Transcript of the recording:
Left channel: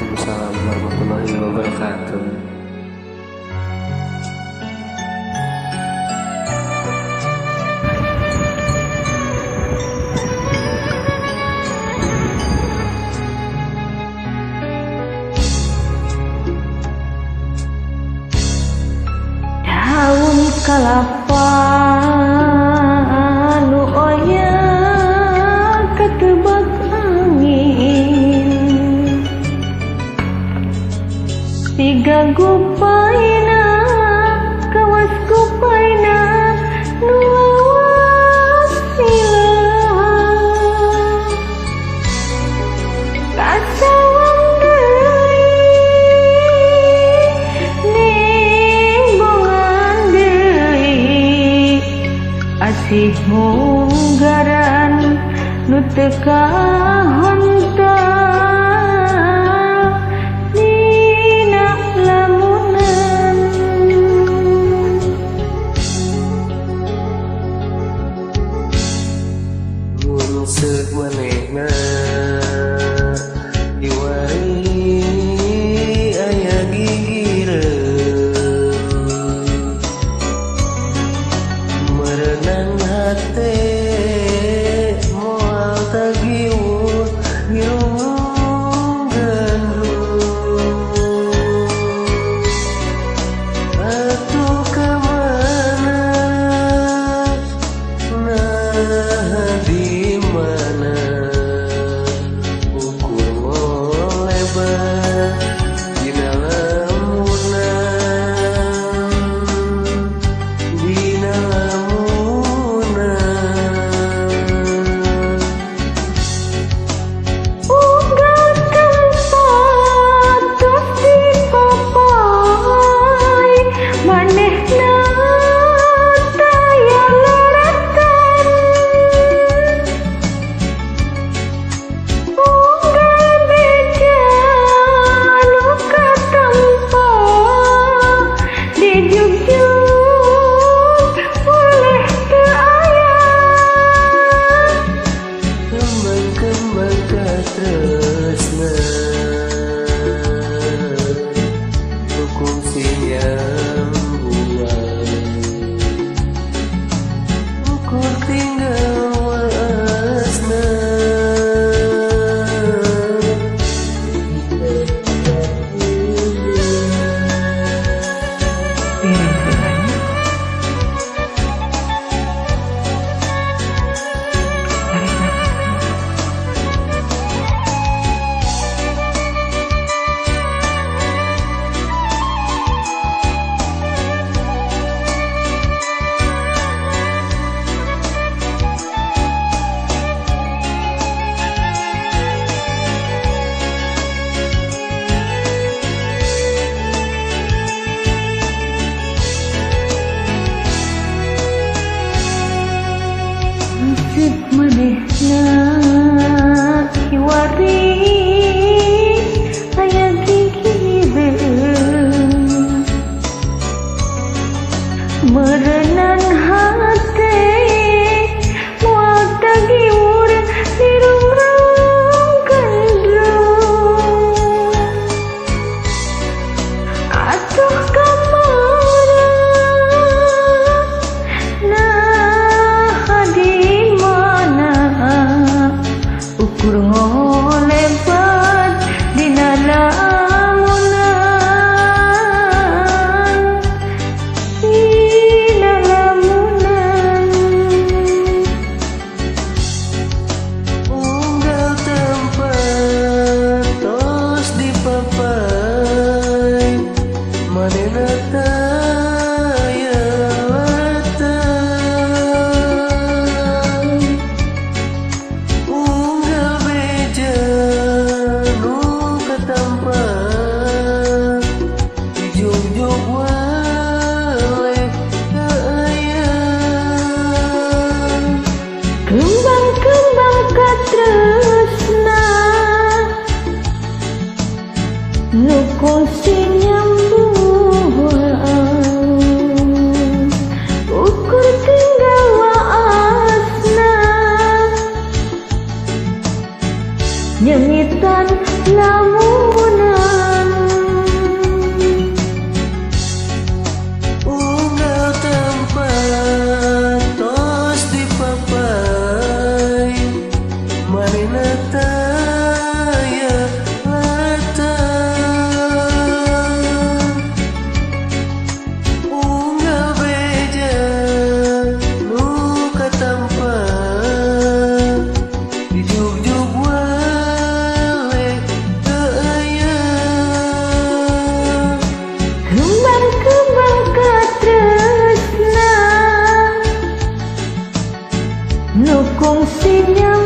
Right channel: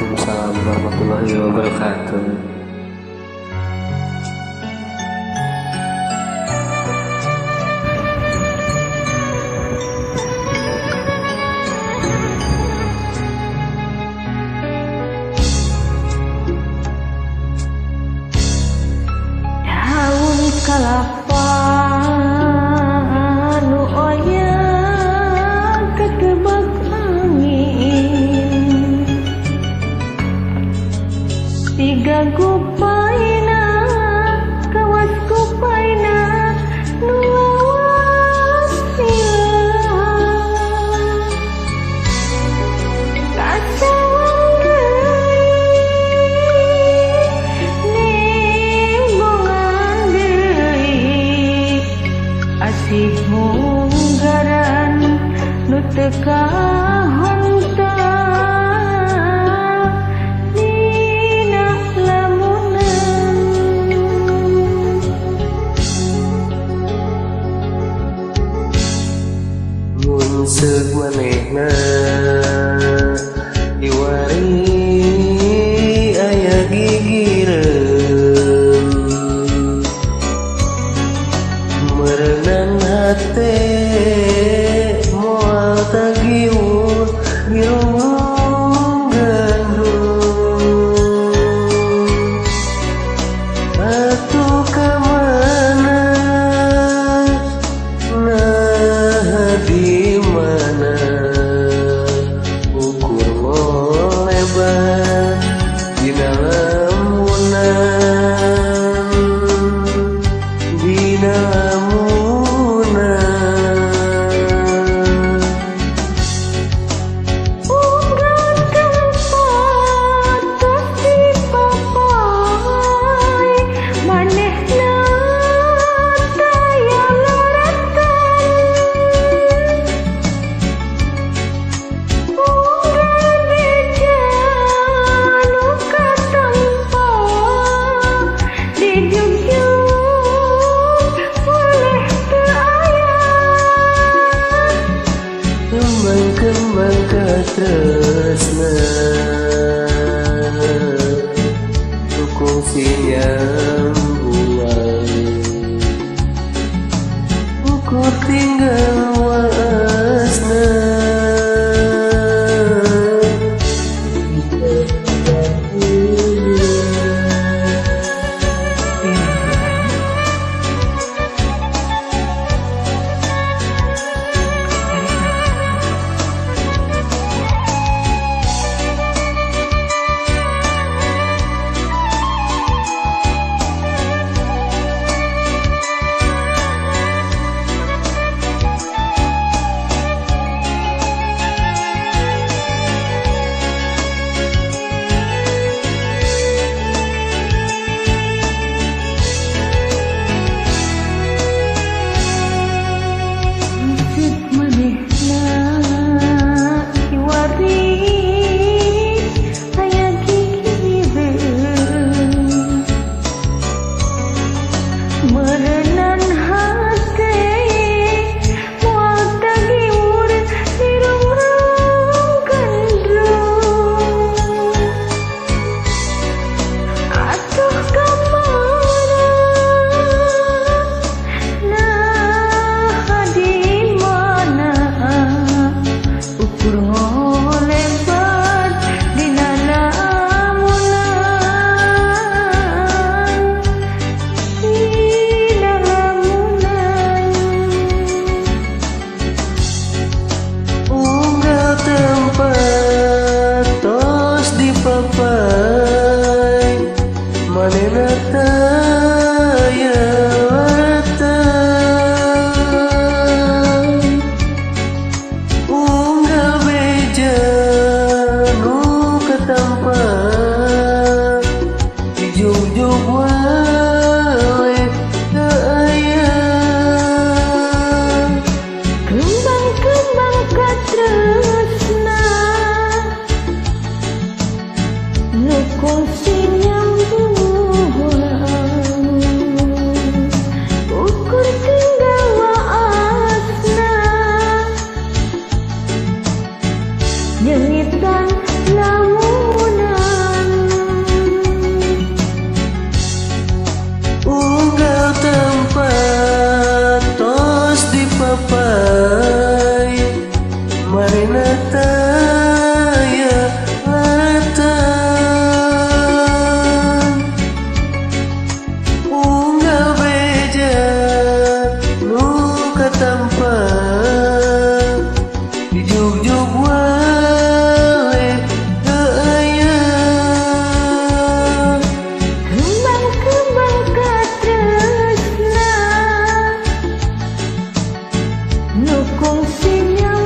Waalaikumsalam warahmatullahi wabarakatuh. Daun kalapa nu oyak ketebak angin, tiga gupaina kawas gupaina nu lawas silang kasawang asih munggaran nu teu kahontal dina lamunan. Mun seug manehna diwari aya gigireun, merenang hate moal tagiuh ngirung gandrung. Atuh kamana nah di mana ukur ngolebat dina lamunan, dina lamunan. Unggal tempat tos dipapai manehna taya laratan. Unggal beja nu katampa dijugjug oleh teu aya. Kembang-kembang katresna tukung sinyambuan, ukur tinggal waasna. Musik manehna kiwari aya gigireun, merenang hate moal tagiur dirungrung gandrung. Atuh kamana nah di mana ukur ngolebat dina lamunan, dina lamunan. Unggal tempat tos dipapai manehna taya laratan. Unggal beja nu katampa dijugjug wae teu aya. Kembang-kembang katresna nu kongsi nyambung, ukur tinggal waasna nyengitan lamunan. ketampa dijuk-juk wae teu aya Kembang-kembang katresna nu kongsi nyawa